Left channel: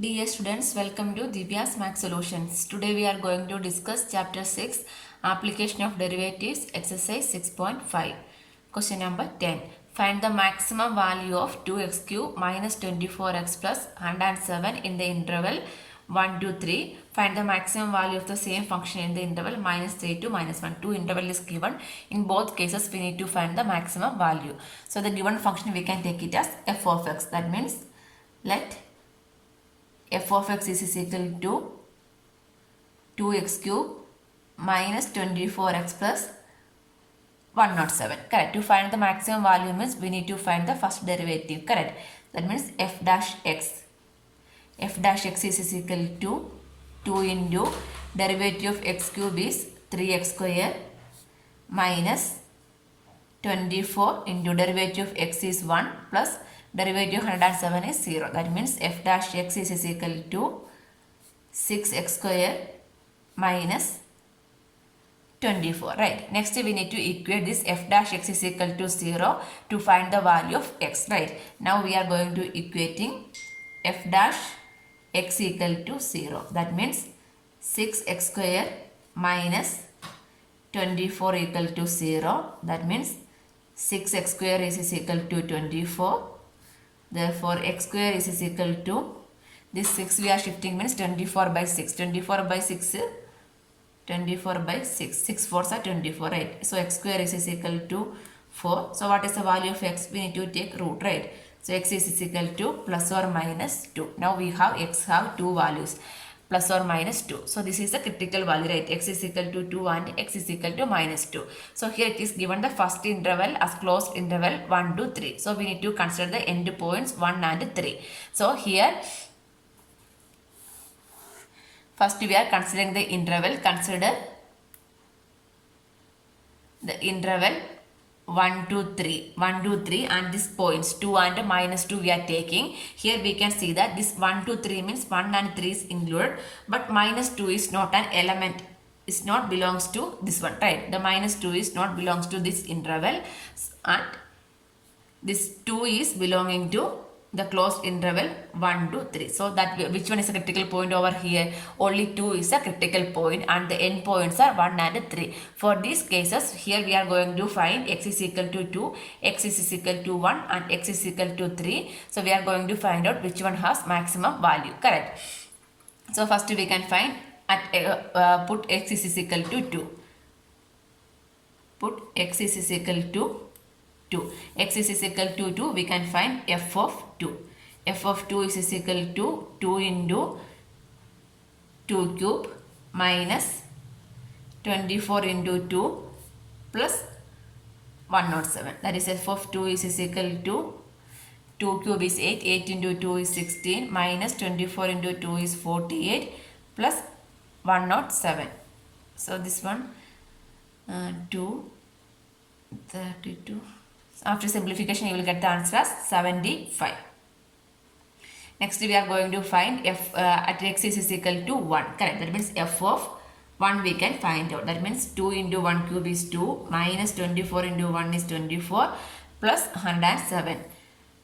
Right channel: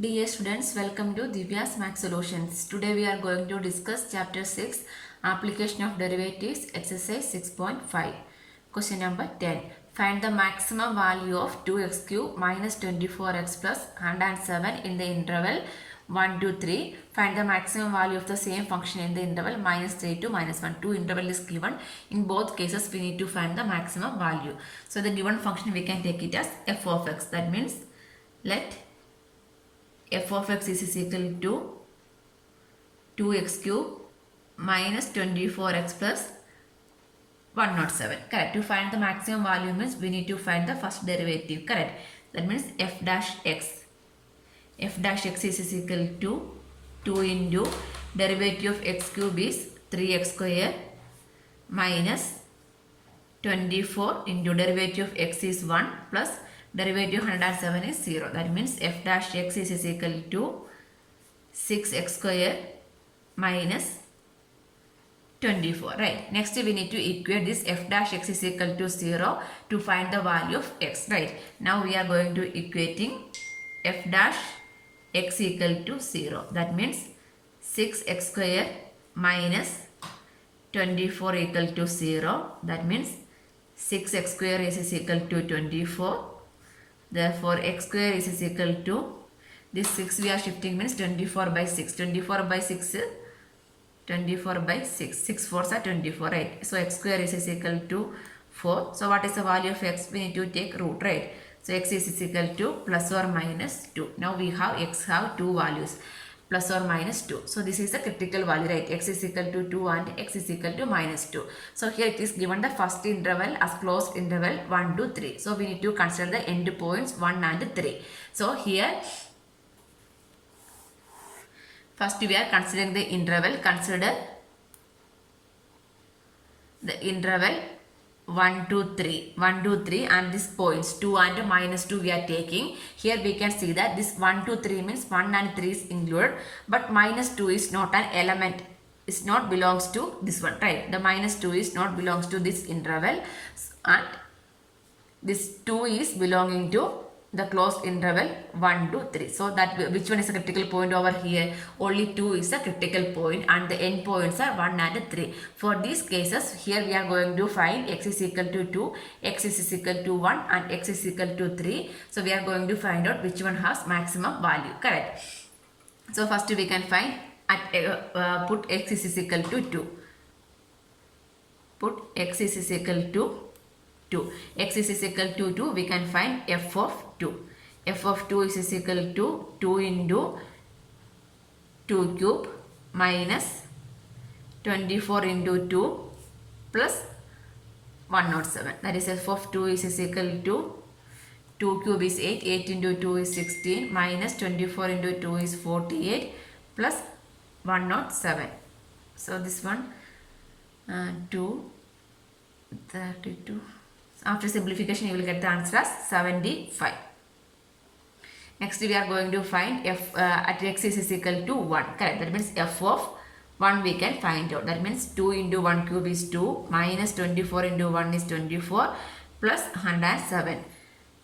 Dear students, welcome to Divya's Math Solutions. Today we are going to discuss Chapter 6, Application of Derivatives, Exercise 6.5. Question number 10. Find the maximum value of 2x cube minus 24x plus 107 in the interval 1 to 3. Find the maximum value of the same function in the interval minus 3 to minus 1. Two interval is given. In both cases, we need to find the maximum value. So the given function, we can take it as f of x. That means let f of x is equal to 2x cube minus 24x plus 107. Correct. To find the maximum value means we need to find the first derivative. Correct. That means f dash x. F dash x is equal to 2 into derivative of x cube is 3x square minus 24 into derivative of x is 1 plus derivative of 107 is 0. That means f dash x is equal to 6x square minus 24. Right. Next we need to equate this f dash x is equal to 0 to find the value of x. Right. Now we are going to equating f dash x equal to 0. That means 6x square minus 24 equal to 0. That means 6x square is equal to 24. Therefore, x square is equal to, this 6 we are shifting means 24 by 6. 24 by 6, 24 by 6. 6 fours are 24, right? So, x square is equal to 4. So, what is the value of x? We need to take root, right? So, x is equal to plus or minus 2. Now, we have x have two values, plus or minus 2. So, this is the critical value, right? X is equal to 2 and x is equal to minus 2. So, here it is given the first interval as closed interval 1 to 3. So, we need to consider the end points 1 and 3. So, here first we are considering the interval. Consider the interval 1 to 3. 1 to 3 and this points 2 and minus 2 we are taking. Here we can see that this 1 to 3 means 1 and 3 is included, but minus 2 is not an element. It's not belongs to this one, right? The minus 2 is not belongs to this interval and this 2 is belonging to the closed interval 1 to 3. So that which one is a critical point over here? Only 2 is a critical point and the end points are 1 and 3. For these cases, here we are going to find x is equal to 2, x is equal to 1 and x is equal to 3. So we are going to find out which one has maximum value. Correct. So first we can find at put x is equal to 2. Put x is equal to 2. X is equal to 2. We can find f of 2. F of 2 is equal to 2 into 2 cube minus 24 into 2 plus 107. That is f of 2 is equal to 2 cube is 8. 8 into 2 is 16 minus 24 into 2 is 48 plus 107. So this one 2 32. After simplification, you will get the answer as 75. Next, we are going to find f at x is equal to 1. Correct. That means f of 1 we can find out. That means 2 into 1 cube is 2 minus 24 into 1 is 24 plus 107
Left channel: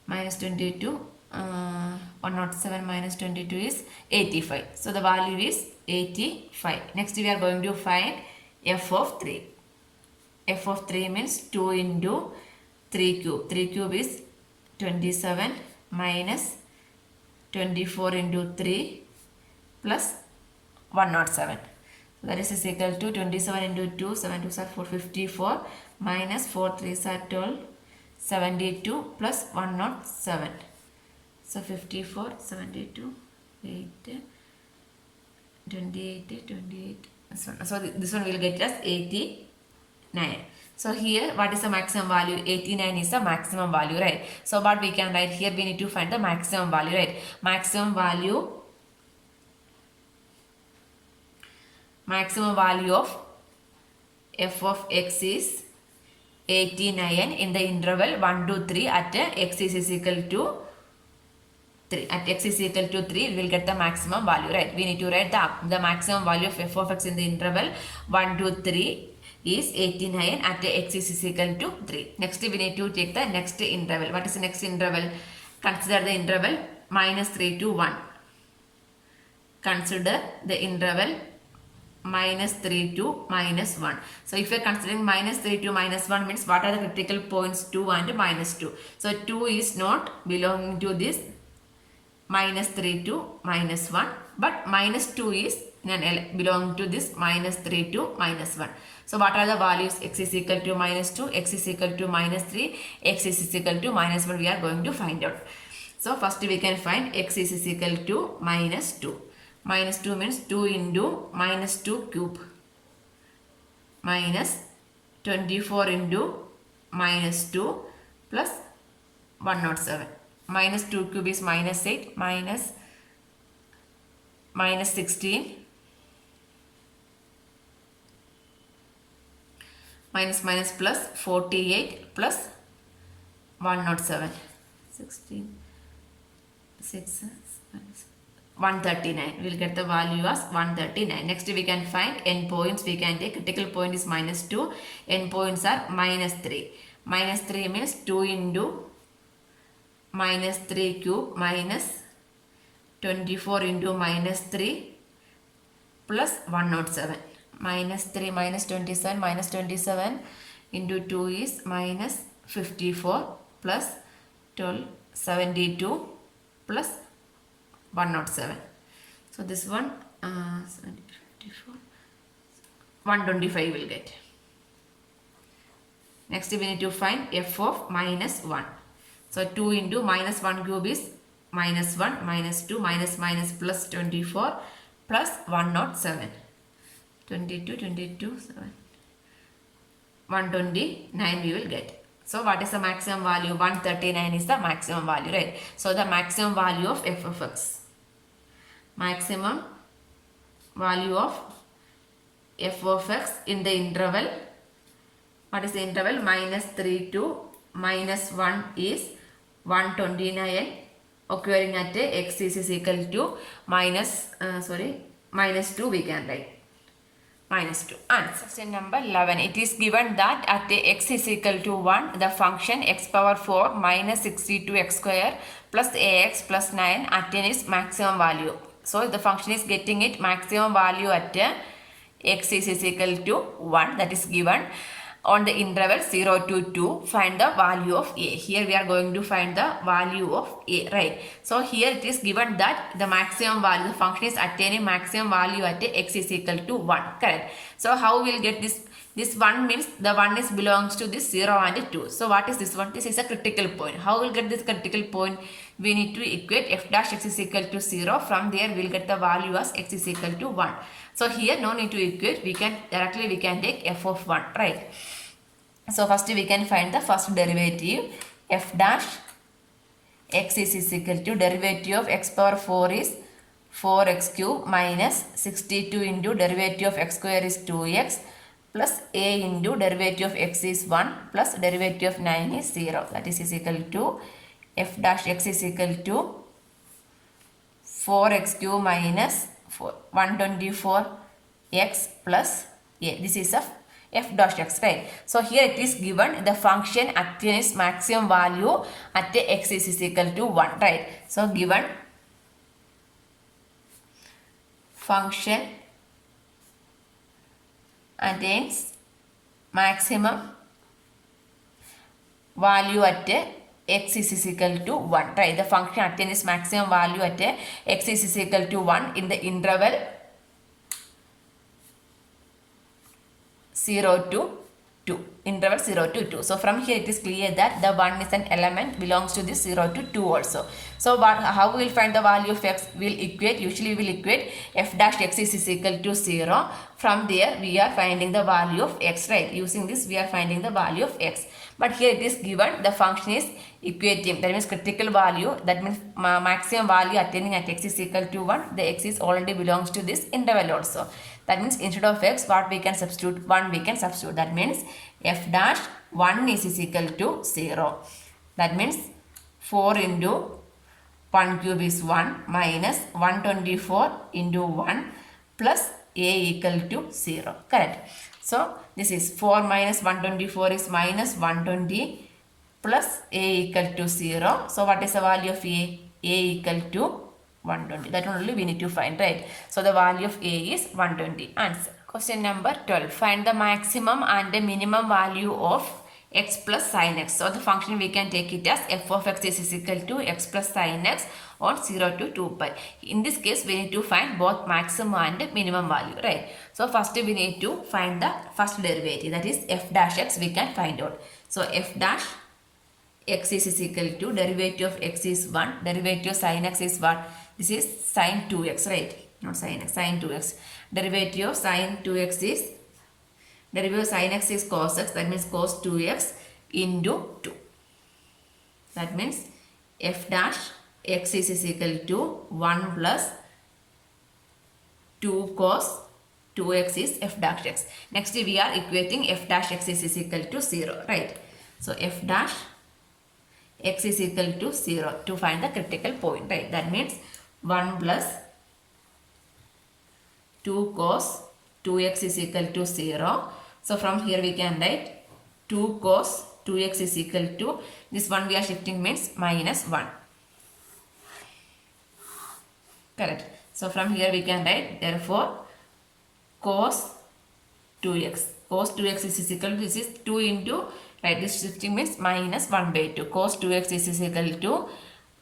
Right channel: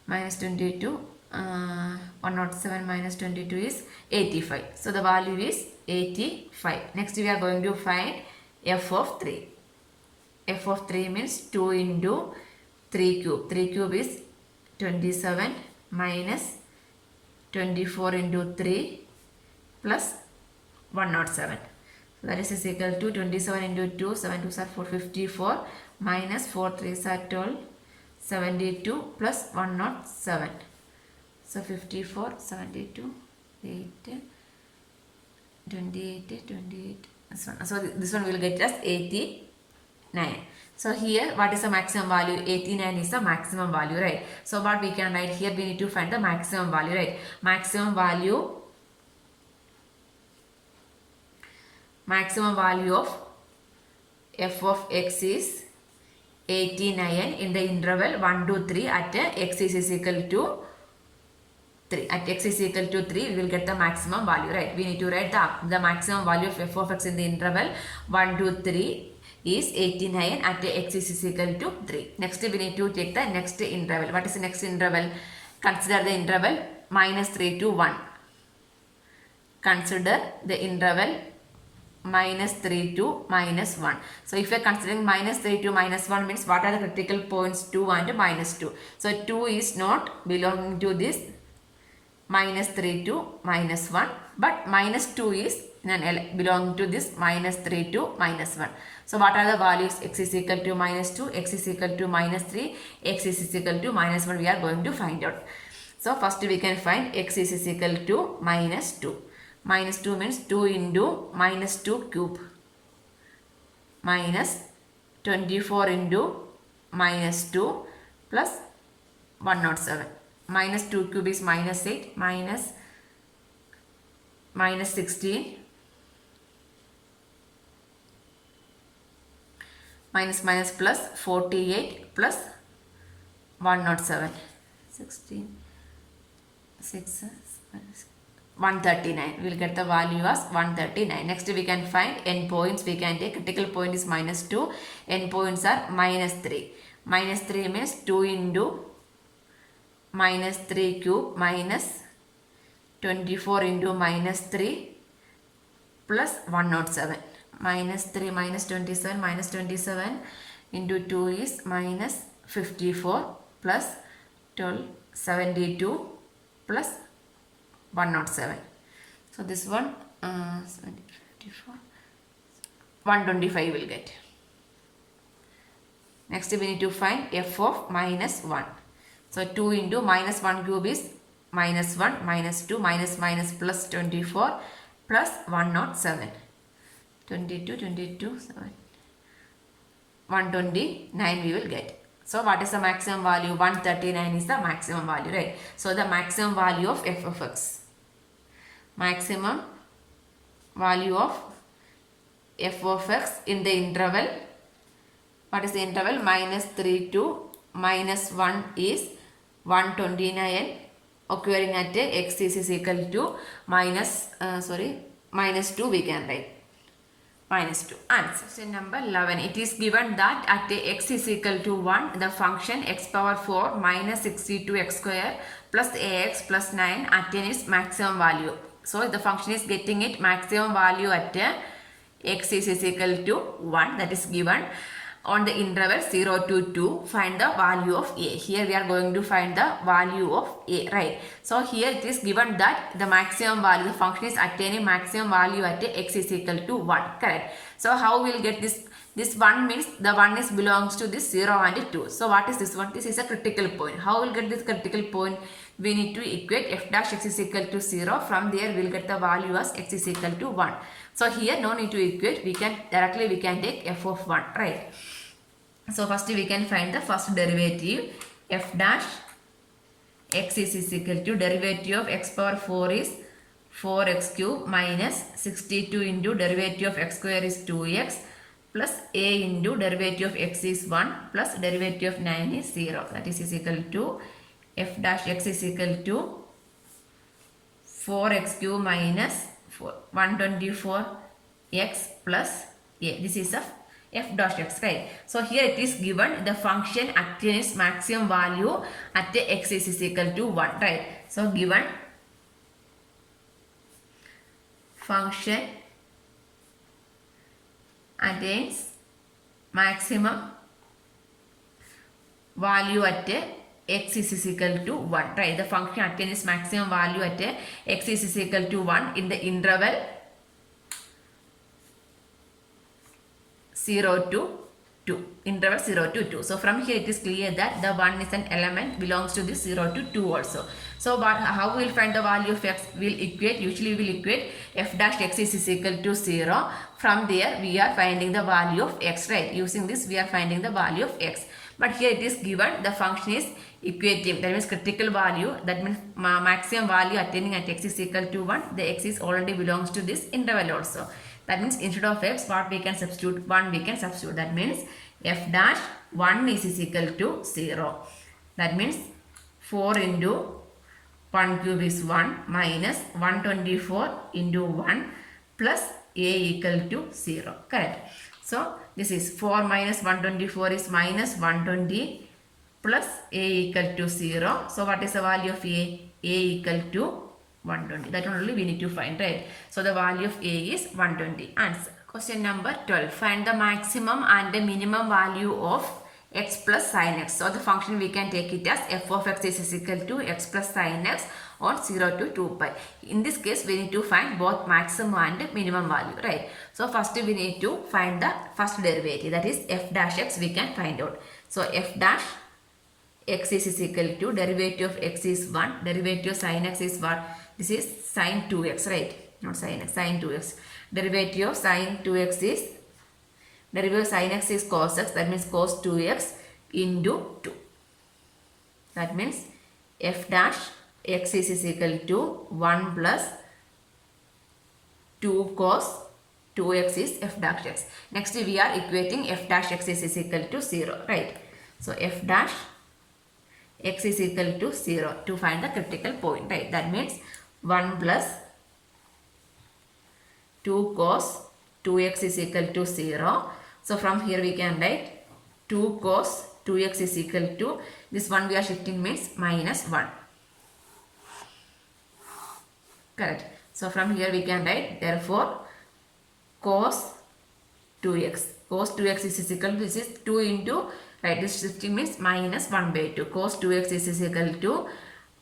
minus 22. 107 minus 22 is 85. So the value is 85. Next, we are going to find f of 3. F of 3 means 2 into 3 cube. 3 cube is 27 minus 24 into 3 plus 107. So that is equal to 27 into 2, 7 2s are 454 minus 4 3s are 12, 72 plus 107. So 54, 72, 8, 28, 28. So this one will get us 89. So here what is the maximum value? 89 is the maximum value, right? So what we can write here, we need to find the maximum value, right? Maximum value of f of x is 89 in the interval 1 to 3 at x is equal to 3. At x is equal to 3, we will get the maximum value, right? We need to write the maximum value of f of x in the interval 1 to 3 is 89 at x is equal to 3. Next we need to take the next interval. What is the next interval? Consider the interval minus 3 to 1. consider the interval minus 3 to minus 1. So if you are considering minus 3 to minus 1 means what are the critical points 2 and minus 2. So 2 is not belonging to this minus 3 to minus 1, but minus 2 is belonging to this minus 3 to minus 1. So what are the values? X is equal to minus 2, x is equal to minus 3, x is equal to minus 1 we are going to find out. So first we can find x is equal to minus 2. Minus 2 means 2 into minus 2 cube minus 24 into minus 2 plus 107. Minus 2 cube is minus 8 minus 16 minus plus 48 plus 107. 16 6 139. We will get the value as 139. Next we can find n points. We can take critical point is minus 2. N points are minus 3. Minus 3 means 2 into minus 3 cube minus 24 into minus 3 plus 107. Minus 3 minus 27 into 2 is minus 54 plus 12 72 plus 107. So this one 54 125 will get. Next we need to find f of minus 1. So 2 into minus 1 cube is minus 1 minus 2 minus plus 24 plus 107. 22 7 129 we will get. So what is the maximum value? 139 is the maximum value, right? So the maximum value of f of x. Maximum value of f of x in the interval. What is the interval? Minus 3 to minus 1 is 129 occurring at x is equal to minus 2 we can write. Minus 2. Answer. Question number 11. It is given that at x is equal to 1, the function x power 4 minus 62x square plus ax plus 9 attain its maximum value. So the function is getting its maximum value at x is equal to 1, that is given on the interval 0 to 2. Find the value of a. Here we are going to find the value of a, right? So here it is given that the maximum value, the function is attaining maximum value at x is equal to 1, correct? So how we will get this? This 1 means the 1 is belongs to this 0 and 2. So what is this one? This is a critical point. How we will get this critical point? We need to equate f dash x is equal to 0. From there we will get the value as x is equal to 1. So here no need to equate. We can take f of 1, right? So first we can find the first derivative. F dash x is equal to derivative of x power 4 is 4x cube minus 62 into derivative of x square is 2x plus a into derivative of x is 1 plus derivative of 9 is 0. That is equal to f dash x is equal to 4x cube minus 124x plus a. This is a f dash x, right? So here it is given the function attains maximum value at x is equal to 1, right? So given function attains maximum value at x is equal to 1, right? The function attains maximum value at x is equal to 1 in the interval 0 to 2. Interval 0 to 2. So from here it is clear that the 1 is an element belongs to this 0 to 2 also. So how we will find the value of x? We will equate, usually we will equate f dash x is equal to 0. From there we are finding the value of x, right? Using this we are finding the value of x. But here it is given the function is equating, that means critical value, that means maximum value attaining at x is equal to 1. The x is already belongs to this interval also. That means instead of x, what we can substitute? 1 we can substitute. That means f dash 1 is equal to 0. That means 4 into 1 cube is 1 minus 124 into 1 plus a equal to 0. Correct. So this is 4 minus 124 is minus 120 plus a equal to 0. So what is the value of a? A equal to 120. That one only we need to find, right? So the value of A is 120. Answer. Question number 12. Find the maximum and the minimum value of x plus sin x. So the function we can take it as f of x is equal to x plus sin x on 0 to 2 pi. In this case, we need to find both maximum and minimum value, right? So first we need to find the first derivative, that is f dash x we can find out. So f dash x is equal to derivative of x is 1, derivative of sin x is what? This is sin 2x, right? Not sin x, sin 2x. Derivative of sin 2x is, derivative of sin x is cos x, that means cos 2x into 2. That means f dash x is equal to 1 plus 2 cos 2x is f dash x. Next we are equating f dash x is equal to 0, right? So f dash x is equal to 0 to find the critical point, right? That means 1 plus 2 cos 2x is equal to 0. So from here we can write 2 cos 2x is equal to, this one we are shifting means minus 1. Correct. So from here we can write, therefore cos 2x. Cos 2x is equal to, this is 2 into, right, this shifting means minus 1 by 2. Cos 2x is equal to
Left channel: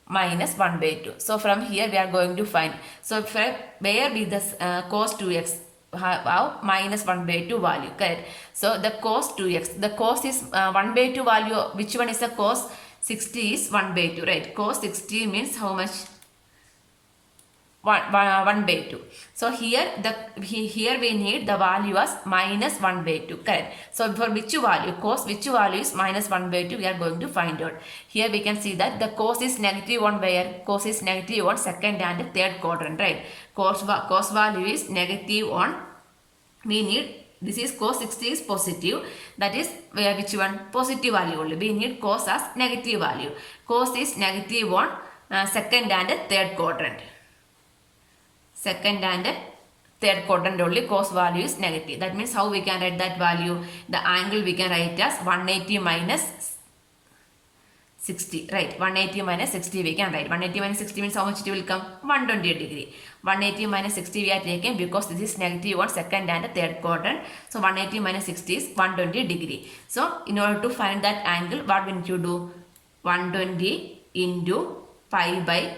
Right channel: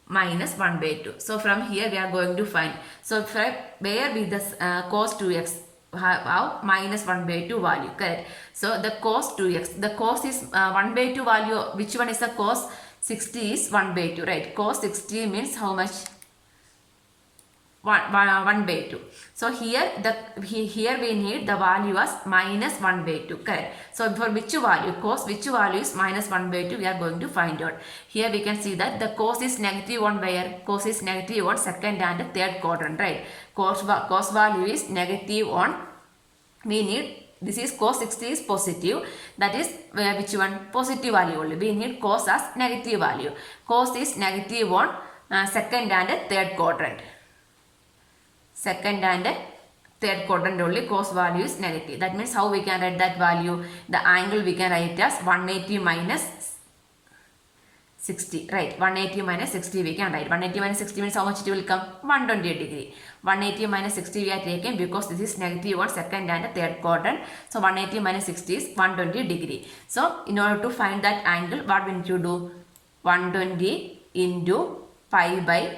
minus 1 by 2. So from here we are going to find. So where be this cos 2x have minus 1 by 2 value, correct? So the cos 2x, the cos is 1 by 2 value. Which one is the cos 60 is 1 by 2, right? Cos 60 means how much? 1 by 2. So here we need the value as minus 1 by 2, correct? So for which value, cos which value is minus 1 by 2, we are going to find out. Here we can see that the cos is negative 1 where? Cos is negative on second and third quadrant, right? Cos value is negative on, we need, this is cos 60 is positive, that is where which one? Positive value only. We need cos as negative value. Cos is negative on second and third quadrant. Second and third quadrant only cos value is negative. That means how we can write that value? The angle we can write as 180 minus 60, right? 180 minus 60 we can write. 180 minus 60 means how much it will come? 120 degree. 180 minus 60 we are taking because this is negative on second and third quadrant. So 180 minus 60 is 120 degree. So in order to find that angle, what we need to do? 120 into pi by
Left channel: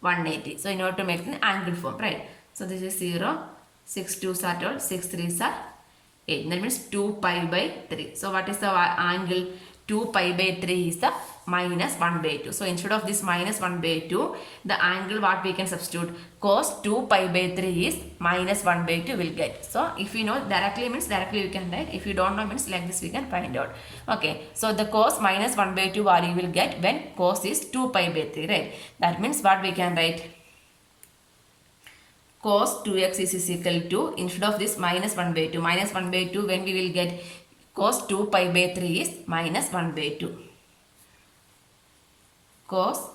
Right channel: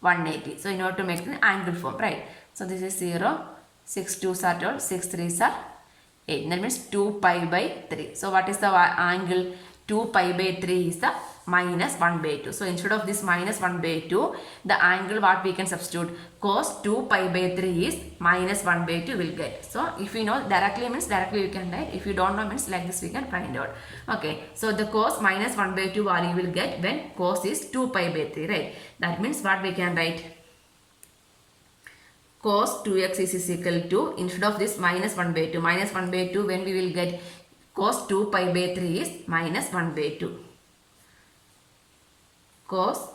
180. So in order to make an angle form, right? So this is 0, 6 2s are 12, 6 3s are 8. That means 2 pi by 3. So what is the angle? 2 pi by 3 is the minus 1 by 2. So instead of this minus 1 by 2, the angle what we can substitute? Cos 2 pi by 3 is minus 1 by 2 will get. So if you know directly means directly we can write. If you don't know means like this we can find out. Okay. So the cos minus 1 by 2 value will get when cos is 2 pi by 3, right? That means what we can write? Cos 2x is equal to, instead of this minus 1 by 2, minus 1 by 2 when we will get cos 2 pi by 3 is minus 1 by 2. Cos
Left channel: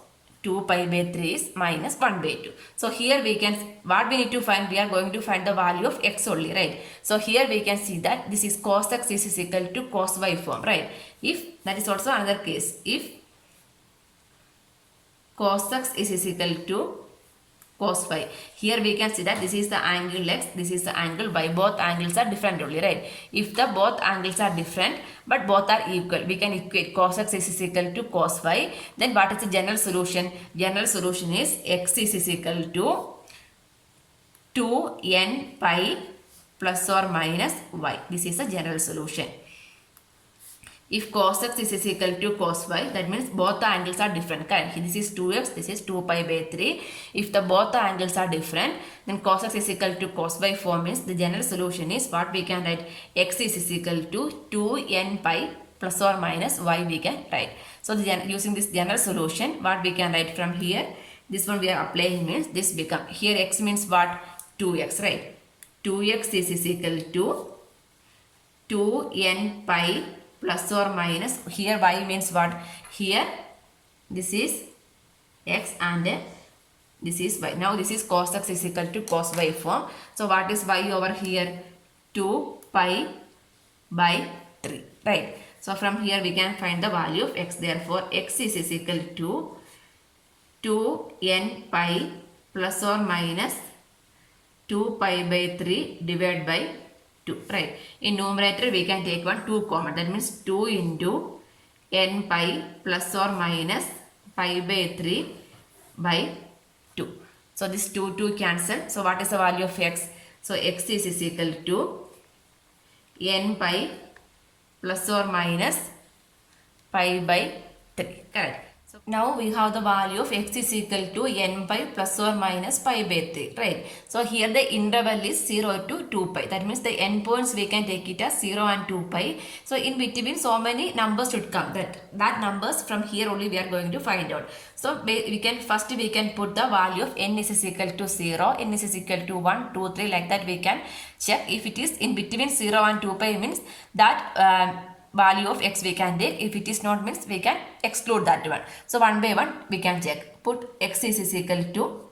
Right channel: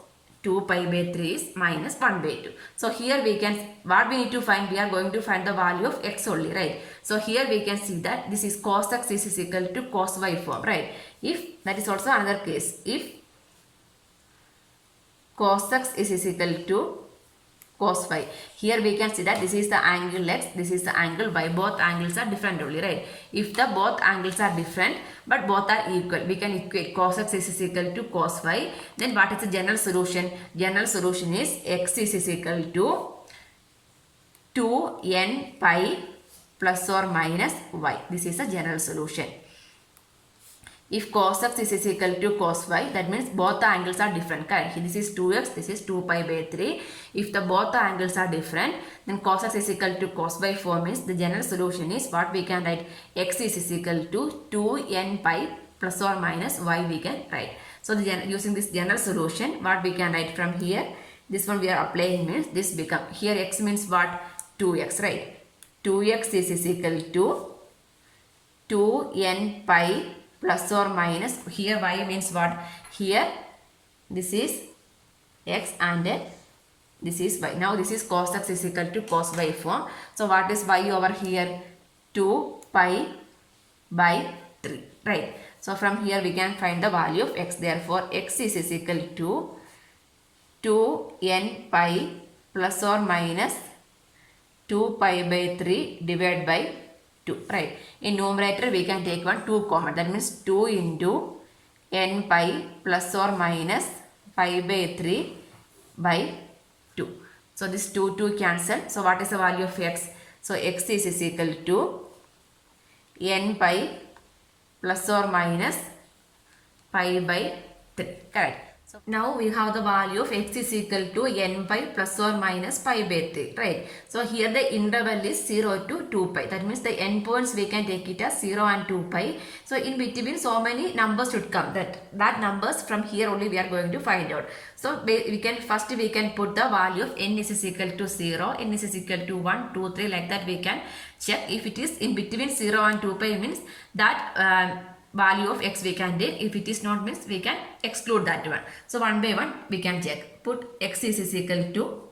2 pi by 3 is minus 1 by 2. So here we can, what we need to find? We are going to find the value of x only, right? So here we can see that this is cos x is equal to cos y form, right? If, that is also another case, if cos x is equal to cos y. Here we can see that this is the angle x, this is the angle y. Both angles are different only, right? If the both angles are different but both are equal, we can equate cos x is equal to cos y. Then what is the general solution? General solution is x is equal to 2n pi plus or minus y. This is the general solution. If cos x is equal to cos y, that means both the angles are different, correct? This is 2x, this is 2 pi by 3. If the both the angles are different, then cos x is equal to cos y form means the general solution is what we can write? X is equal to 2n pi plus or minus y we can write. So using this general solution, what we can write from here? This one we are applying means this become, here x means what? 2x, right? 2x is equal to 2n pi plus or minus, here y means what? Here this is x and this is y. Now this is cos x is equal to cos y form. So what is y over here? 2 pi by 3, right? So from here we can find the value of x. Therefore x is equal to 2n pi plus or minus 2 pi by 3 divided by 2, right? In numerator we can take 2 common, that means 2 into n pi plus or minus pi by 3 by 2. So this 2 cancel. So what is the value of x? So x is equal to n pi plus or minus pi by 3, correct? So now we have the value of x is equal to n pi plus or minus pi by 3, right? So here the interval is 0 to 2 pi. That means the endpoints we can take it as 0 and 2 pi. So in between so many numbers should come. That numbers from here only we are going to find out. So we can put the value of n is equal to 0, n is equal to 1, 2, 3, like that we can check. If it is in between 0 and 2 pi means that value of x we can take. If it is not means we can exclude that one. So one by one we can check. Put x is equal to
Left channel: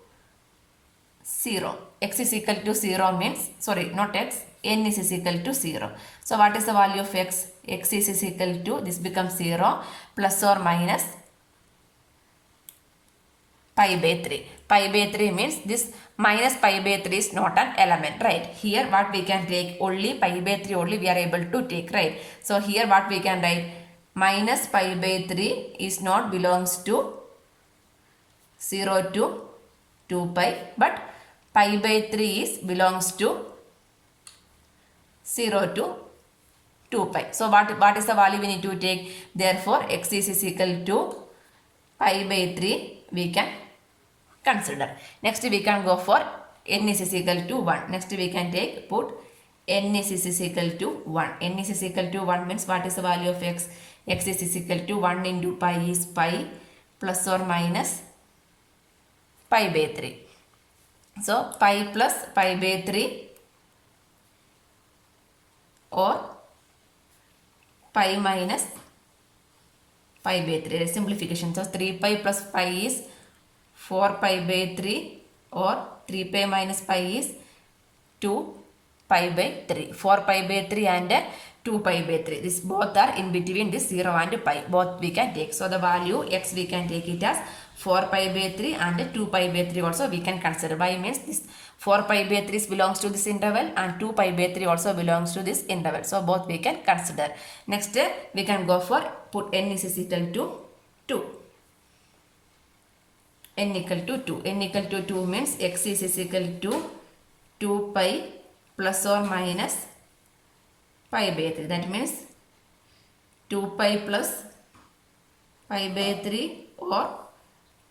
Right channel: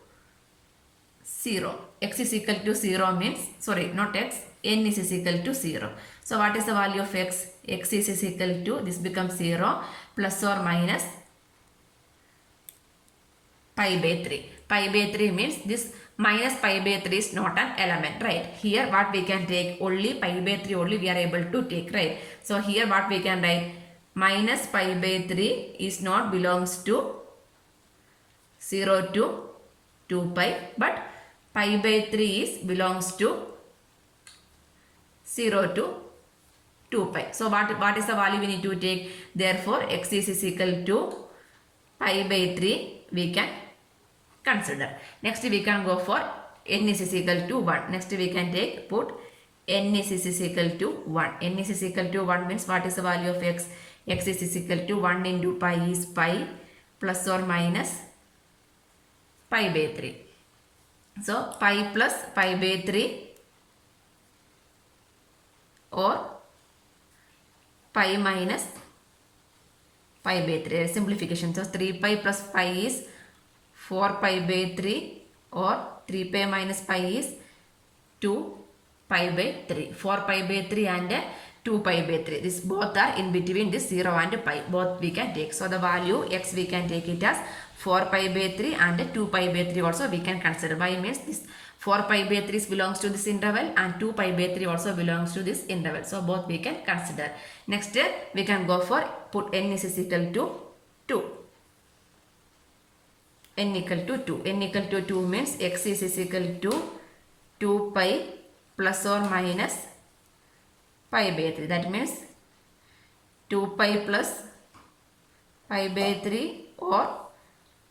0. X is equal to 0 means, sorry, not x, n is equal to 0. So what is the value of x? X is equal to, this becomes 0 plus or minus pi by 3. Pi by 3 means this minus pi by 3 is not an element, right? Here what we can take, only pi by 3 only we are able to take, right? So here what we can write, minus pi by 3 is not belongs to 0 to 2 pi, but pi by 3 is belongs to 0 to 2 pi. So what is the value we need to take? Therefore x is equal to pi by 3 we can consider. Next we can go for n is equal to 1. Next we can take, put n is equal to 1. N is equal to 1 means what is the value of x? X is equal to 1 into pi is pi plus or minus pi by 3. So pi plus pi by 3 or pi minus pi by 3, simplification. So 3 pi plus pi is 4 pi by 3 or 3 pi minus pi is 2 pi by 3. 4 pi by 3 and 2 pi by 3. This both are in between this 0 and pi. Both we can take. So the value x we can take it as 4 pi by 3 and 2 pi by 3 also we can consider. Why means this 4 pi by 3 belongs to this interval and 2 pi by 3 also belongs to this interval. So both we can consider. Next we can go for, put n is equal to 2. N equal to 2. N equal to 2 means x is equal to 2 pi plus or minus pi by 3. That means 2 pi plus pi by 3 or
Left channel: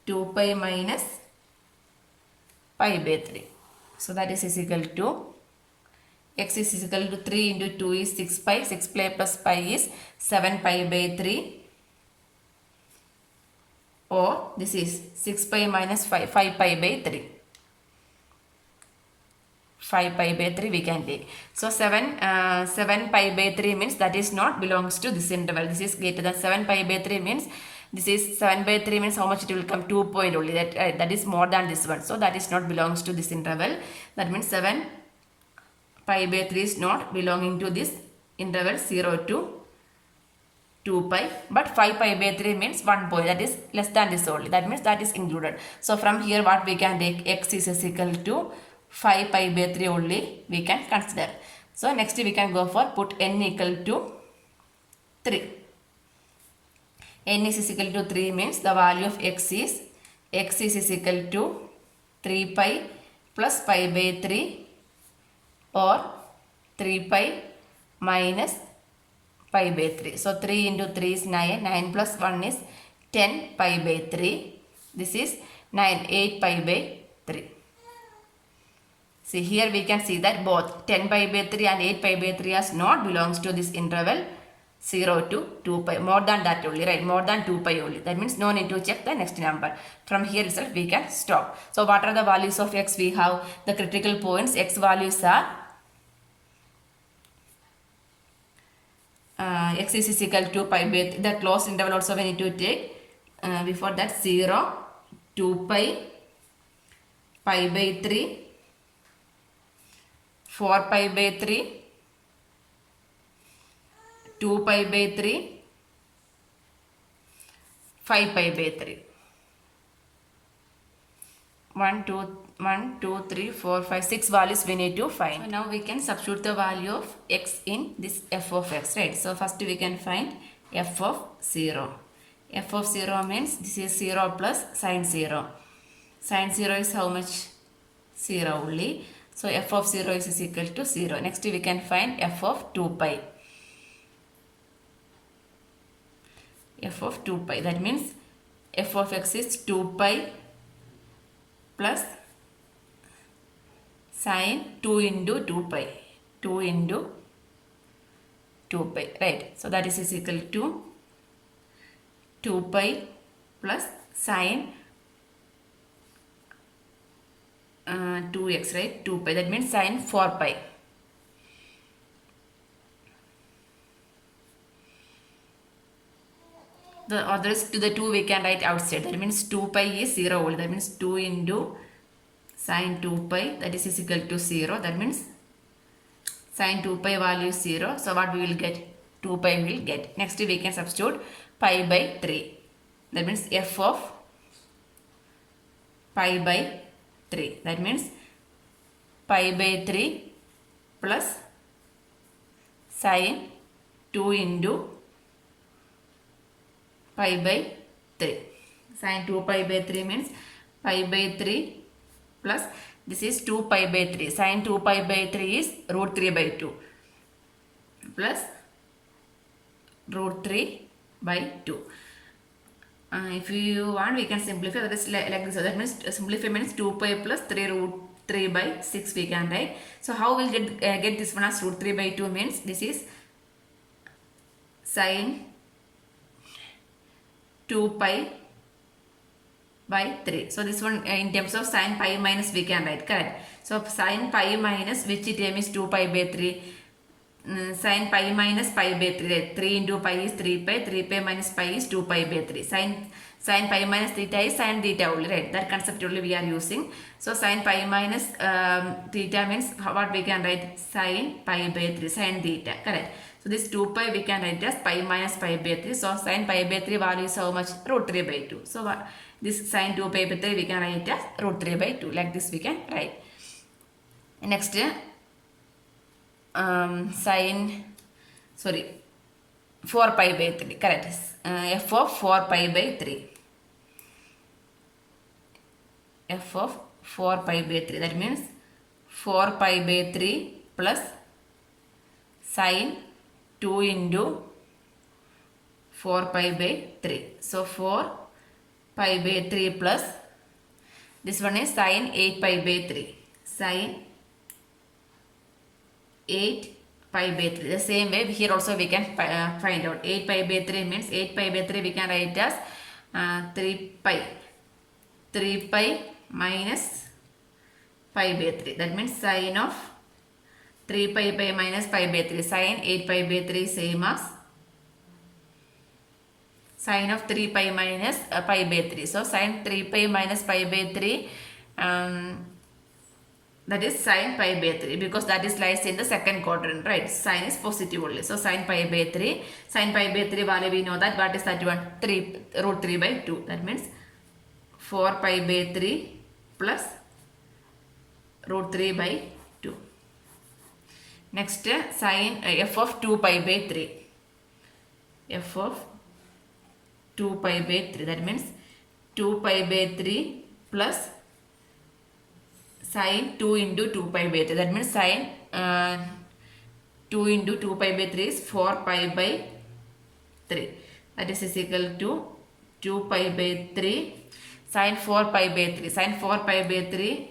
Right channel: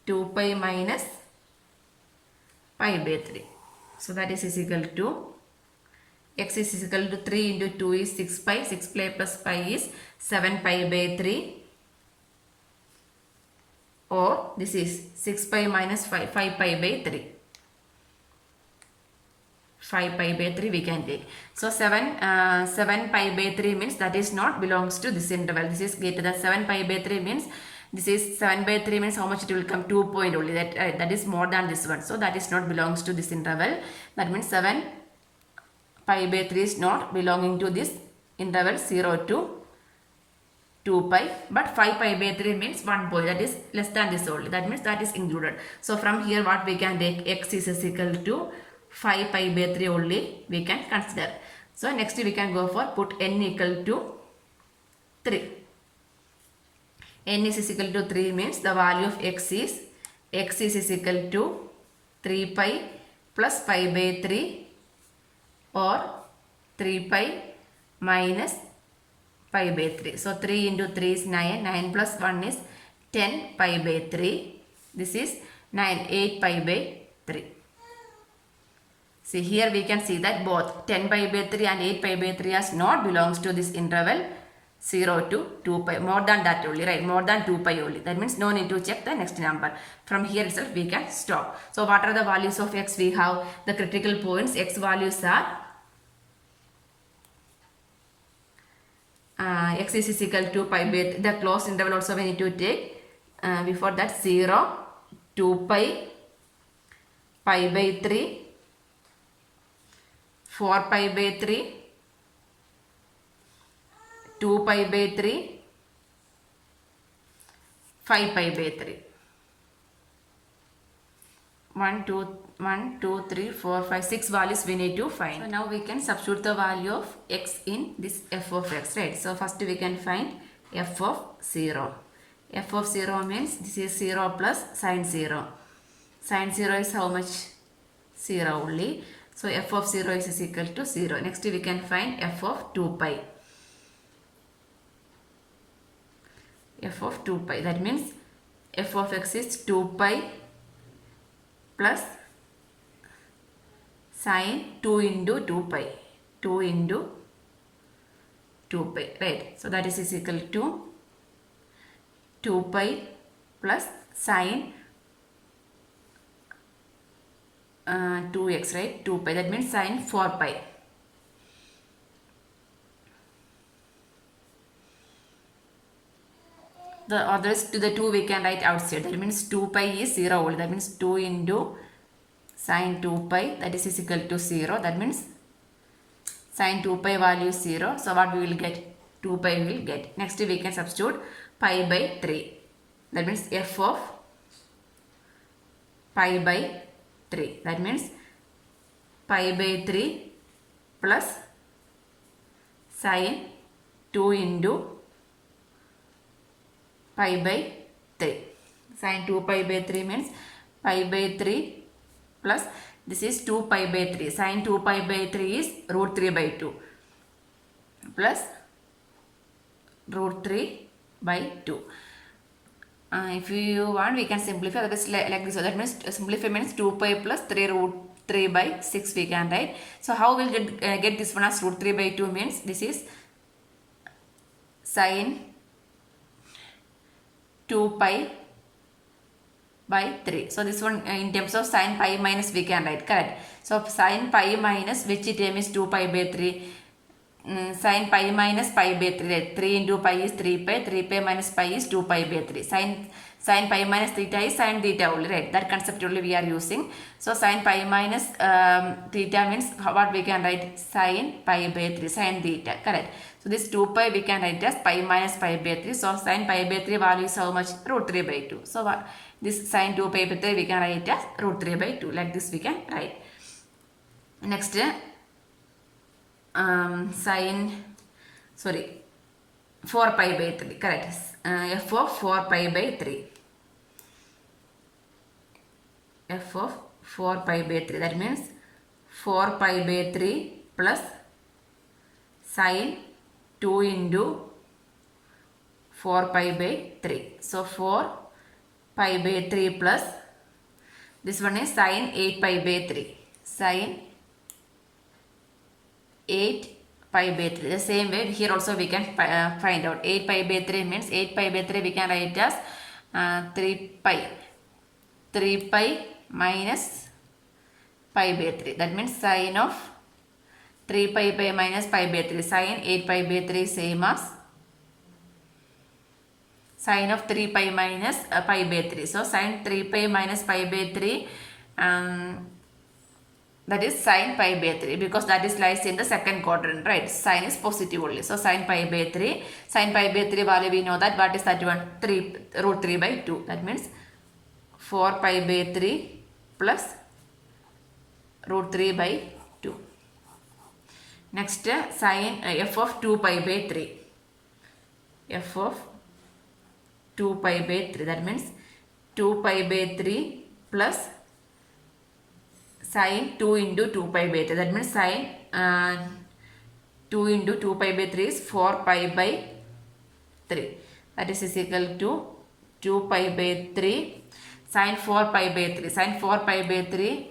2 pi minus pi by 3. So that is equal to, x is equal to 3 into 2 is 6 pi. 6 pi plus pi is 7 pi by 3. Or this is 6 pi minus 5 pi by 3. 5 pi by 3 we can take. So 7 pi by 3 means that is not belongs to this interval. This is greater than 7 pi by 3 means, this is 7 by 3 means how much it will come? 2 point only. That is more than this one. So that is not belongs to this interval. That means 7 pi by 3 is not belonging to this interval 0 to 2 pi, but 5 pi by 3 means 1 point, that is less than this only. That means that is included. So from here what we can take, x is equal to 5 pi by 3 only we can consider. So next we can go for, put n equal to 3. N is equal to 3 means the value of x is equal to 3 pi plus pi by 3 or 3 pi minus pi by 3. So 3 into 3 is 9. 9 plus 1 is 10 pi by 3. This is 9, 8 pi by 3. See here we can see that both 10 pi by 3 and 8 pi by 3 as not belongs to this interval 0 to 2 pi. More than that only, right? More than 2 pi only. That means no need to check the next number. From here itself we can stop. So what are the values of x we have? The critical points x values are x is equal to pi by 3. The closed interval also we need to take. Before that 0, 2 pi, pi by 3, 4 pi by 3, 2 pi by 3, 5 pi by 3. 1, 2, 3, 4, 5, 6 values we need to find. So now we can substitute the value of x in this f of x, right? So first we can find f of 0. F of 0 means this is 0 plus sine 0. Sine 0 is how much? 0 only. So f of 0 is equal to 0. Next we can find f of 2 pi. F of 2 pi. That means f of x is 2 pi plus sine 2 into 2 pi. 2 into 2 pi. Right. So that is equal to 2 pi plus sine 2x, right? 2 pi. That means sine 4 pi. The others to the 2 we can write outside. That means 2 pi is 0 only. That means 2 into sine 2 pi, that is equal to 0. That means sine 2 pi value is 0. So what we will get? 2 pi we will get. Next we can substitute pi by 3. That means f of pi by 3. That means pi by 3 plus sine 2 into pi by 3. Sine 2 pi by 3 means pi by 3 plus this is 2 pi by 3. Sine 2 pi by 3 is root 3 by 2 plus root 3 by 2. If you want, we can simplify. That is like this. So that means simplify means 2 pi plus 3 root 3 by 6 we can write. So how we'll get this one as root 3 by 2 means this is sine 2 pi by 3. So this one in terms of sine pi minus we can write, correct? So sine pi minus which term is 2 pi by 3. Sine pi minus pi by 3, right? 3 into pi is 3 pi. 3 pi minus pi is 2 pi by 3. Sine pi minus theta is sine theta only, right? That concept only we are using. So sine pi minus theta means what we can write? Sine pi by 3, sine theta, correct? So this 2 pi we can write as pi minus pi by 3. So sine pi by 3 value is how much? Root 3 by 2. So this sine 2 pi by 3 we can write as root 3 by 2. Like this we can write. Next sine 4 pi by 3, correct? F of 4 pi by 3. F of 4 pi by 3. That means 4 pi by 3 plus sine 2 into 4 pi by 3. So 4 pi by 3 plus this one is sine 8 pi by 3. Sine 8 pi by 3. The same way here also we can find out. 8 pi by 3 means 8 pi by 3 we can write as 3 pi. 3 pi minus pi by 3. That means sine of 3 pi by minus pi by 3. Sine 8 pi by 3 same as sine of 3 pi minus pi by 3. So sine 3 pi minus pi by 3 that is sine pi by 3 because that is lies in the second quadrant, right? Sine is positive only. So sine pi by 3. Sine pi by 3 value we know that. What is that one? 3 root 3 by 2. That means 4 pi by 3 plus root 3 by 2. Next sine f of 2 pi by 3. F of 2 pi by 3. That means 2 pi by 3 plus sine 2 into 2 pi by 3. That means sine 2 into 2 pi by 3 is 4 pi by 3. That is equal to 2 pi by 3 sine 4 pi by 3. Sine 4 pi by 3.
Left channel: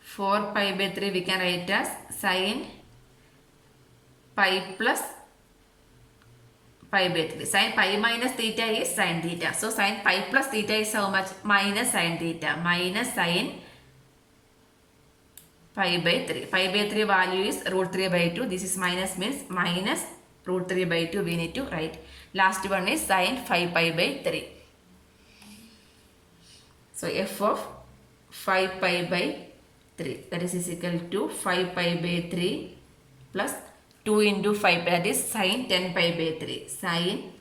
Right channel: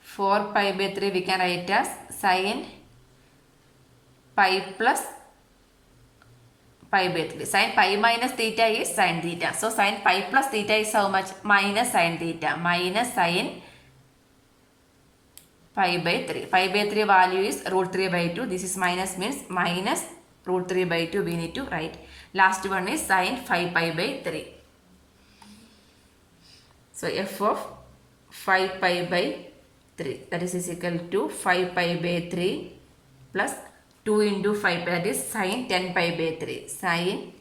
4 pi by 3 we can write as sine pi plus pi by 3. Sine pi minus theta is sine theta. So sine pi plus theta is how much? Minus sine theta. Minus sine pi by 3. Pi by 3 value is root 3 by 2. This is minus means minus root 3 by 2 we need to write. Last one is sine 5 pi by 3. So f of 5 pi by 3. That is equal to 5 pi by 3 plus 2 into 5 pi, that is sine 10 pi by 3. Sine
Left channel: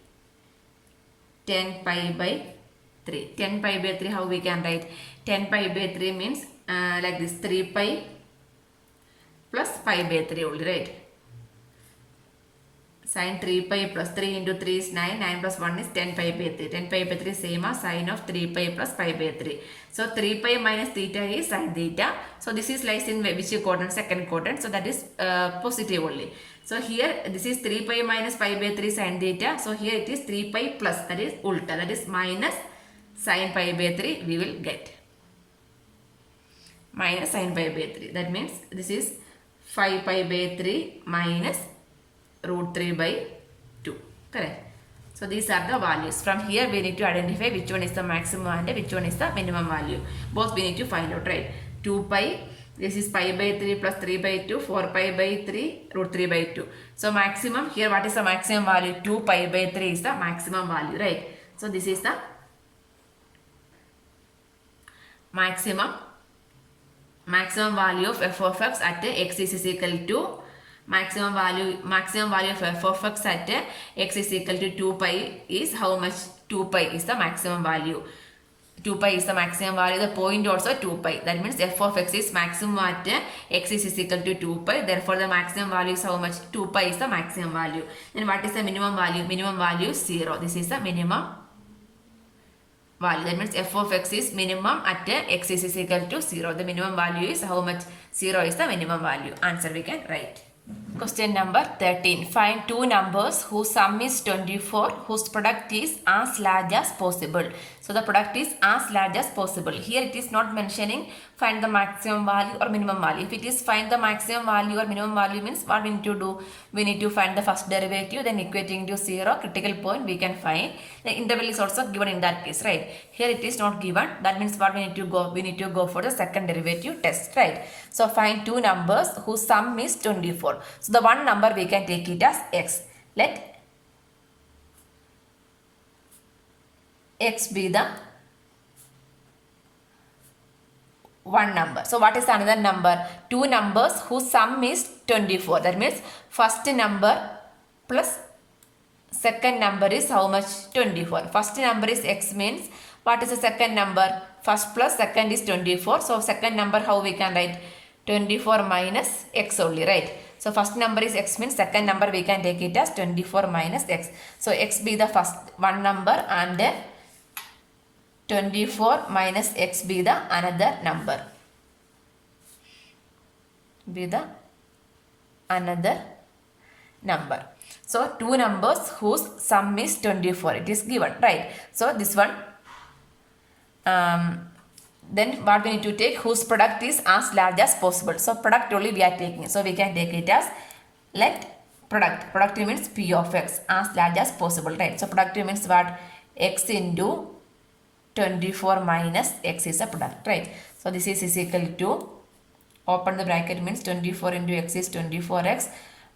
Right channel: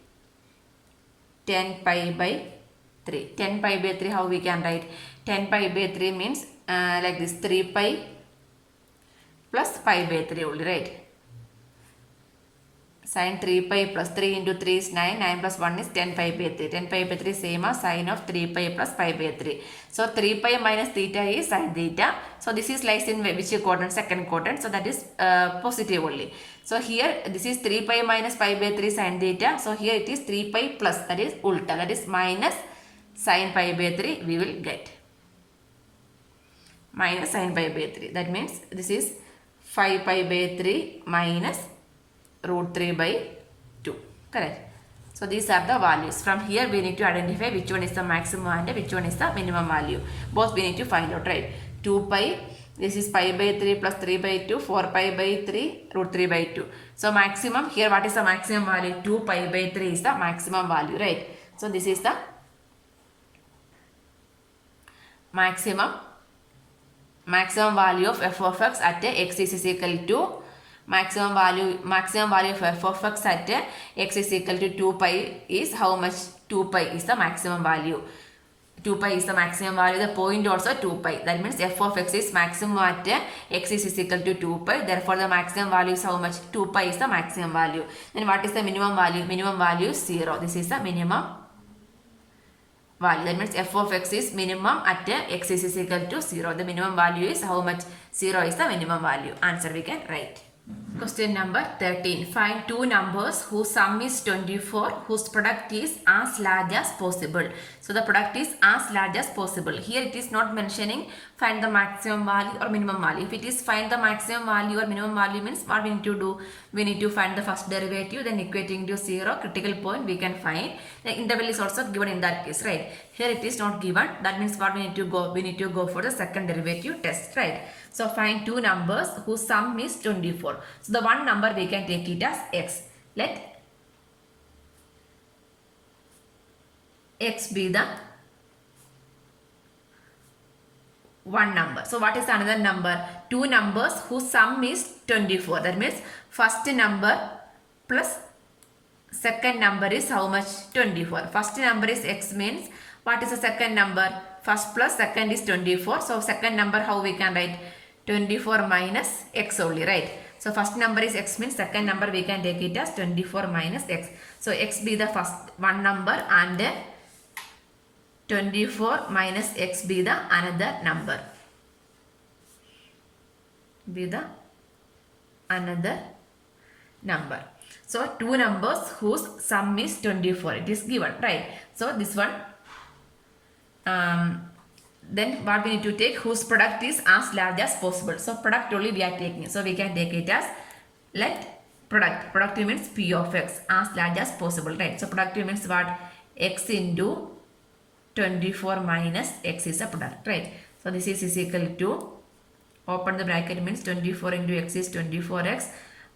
10 pi by 3. 10 pi by 3, how we can write? 10 pi by 3 means like this, 3 pi plus pi by 3 only, right? Sin 3 pi plus 3 into 3 is 9. 9 plus 1 is 10 pi by 3. 10 pi by 3 is same as sin of 3 pi plus pi by 3. So 3 pi minus theta is sin theta. So this is lies in which quadrant? Second quadrant. So that is positive only. So here this is 3 pi minus pi by 3 sin theta. So here it is 3 pi plus, that is ulta, that is minus sin pi by 3 we will get. Minus sin pi by 3. That means this is 5 pi by 3 minus root 3 by 2. Correct. So these are the values. From here we need to identify which one is the maximum and which one is the minimum value. Both we need to find out, right? 2 pi, this is pi by 3 plus 3 by 2, 4 pi by 3, root 3 by 2. So maximum, here what is the maximum value? 2 pi by 3 is the maximum value, right? So this is the maximum value of f of x at x is equal to maximum value of f of x at x is equal to 2 pi is how much? 2 pi is the maximum value. 2 pi is the maximum value. The point also 2 pi. That means f of x is maximum at x is equal to 2 pi. Therefore the maximum value is how much? 2 pi is the maximum value. Then what is the minimum value? Minimum value is 0. This is the minimum value. That means f of x is minimum at x is equal to 0. The minimum value is how much? 0 is the minimum value. Answer we can write. Question number 13. Find two numbers whose sum is 24, whose product is as large as possible. So the product is as large as possible. Here it is not mentioning find the maximum value or minimum value. If it is find the maximum value or minimum value means what we need to do? We need to find the first derivative, then equating to 0, critical point we can find. The interval is also given in that case, right? Here it is not given. That means what we need to go? We need to go for the second derivative test, right? So find two numbers whose sum is 24. So the one number we can take it as x. Let x be the one number. So what is another number? Two numbers whose sum is 24. That means first number plus second number is how much? 24. First number is x means what is the second number? First plus second is 24. So second number how we can write? 24 minus x only, right? So first number is x means second number we can take it as 24 minus x. So x be the first one number and then 24 minus x be the another number. Be the another number. So two numbers whose sum is 24. It is given, right? So this one then what we need to take? Whose product is as large as possible. So product only we are taking. So we can take it as let product. Product means p of x as large as possible, right? So product means what? X into 24 minus x is a product, right? So this is equal to, open the bracket means 24 into x is 24x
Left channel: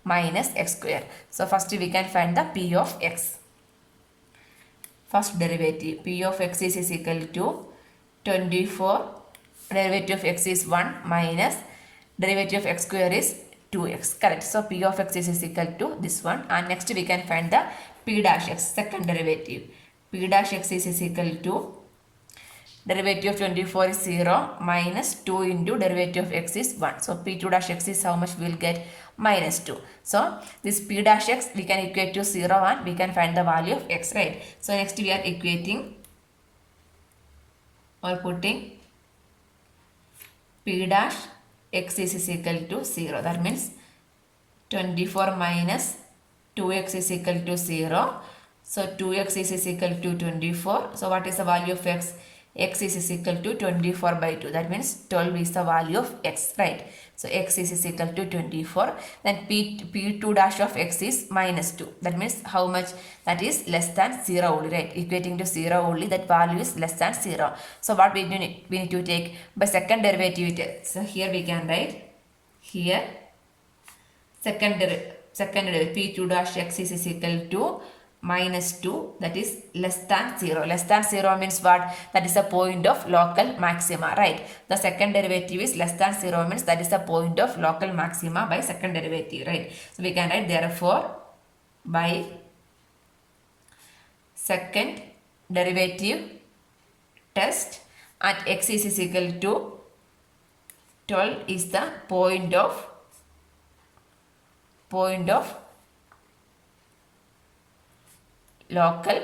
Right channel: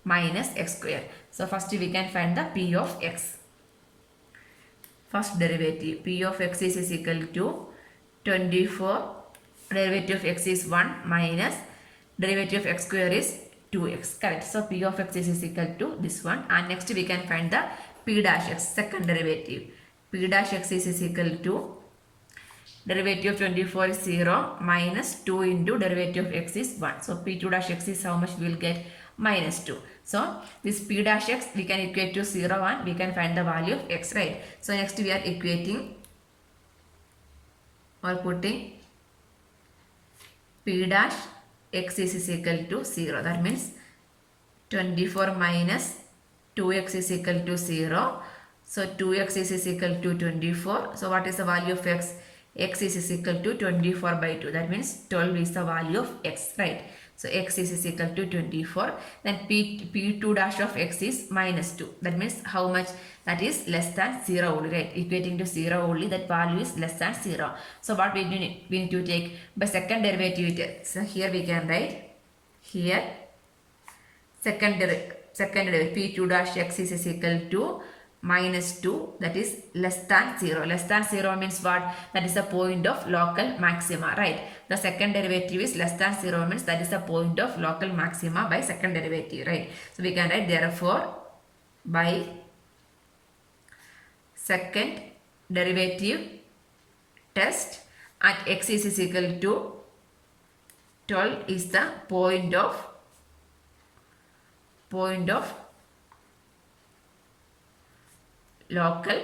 minus x square. So first we can find the p of x. First derivative, p of x is equal to 24, derivative of x is 1 minus derivative of x square is 2x, correct? So p of x is equal to this one, and next we can find the p dash x, second derivative. P dash x is equal to derivative of 24 is 0 minus 2 into derivative of x is 1. So p2 dash x is how much we will get? Minus 2. So this p dash x we can equate to 0 and we can find the value of x, right? So next we are equating or putting p dash x is equal to 0. That means 24 minus 2x is equal to 0. So 2x is equal to 24. So what is the value of x? X is equal to 24 by 2. That means 12 is the value of x, right? So x is equal to 24. Then p2 dash of x is minus 2. That means how much? That is less than 0 only, right? Equating to 0 only, that value is less than 0. So what we need to take by second derivative. So here we can write here second derivative p2 dash x is equal to minus 2, that is less than 0. Less than 0 means what? That is the point of local maxima, right? The second derivative is less than 0 means that is the point of local maxima by second derivative, right? So we can write therefore by second derivative test at x is equal to 12 is the point of local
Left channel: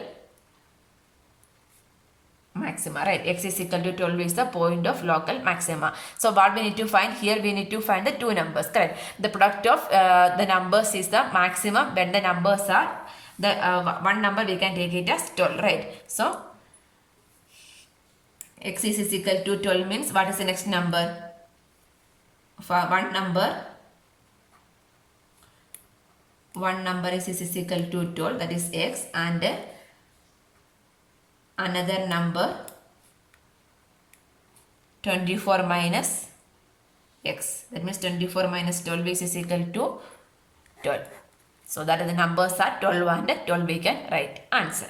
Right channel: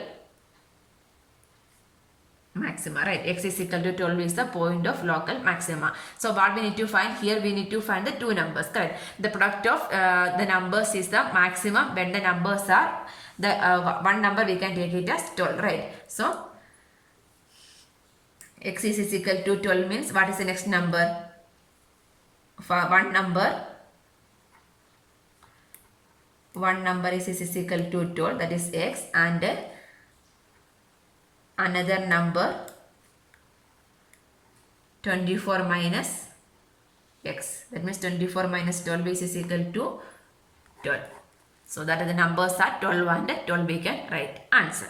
maxima, right? X is equal to 12 is the point of local maxima. So what we need to find here, we need to find the two numbers, correct? The product of the numbers is the maximum when the numbers are the one number we can take it as 12, right? So x is equal to 12 means what is the next number? For one number is equal to 12, that is x, and another number 24 minus x, that means 24 minus 12 is equal to 12. So that is the numbers are 12 and 12 we can write answer.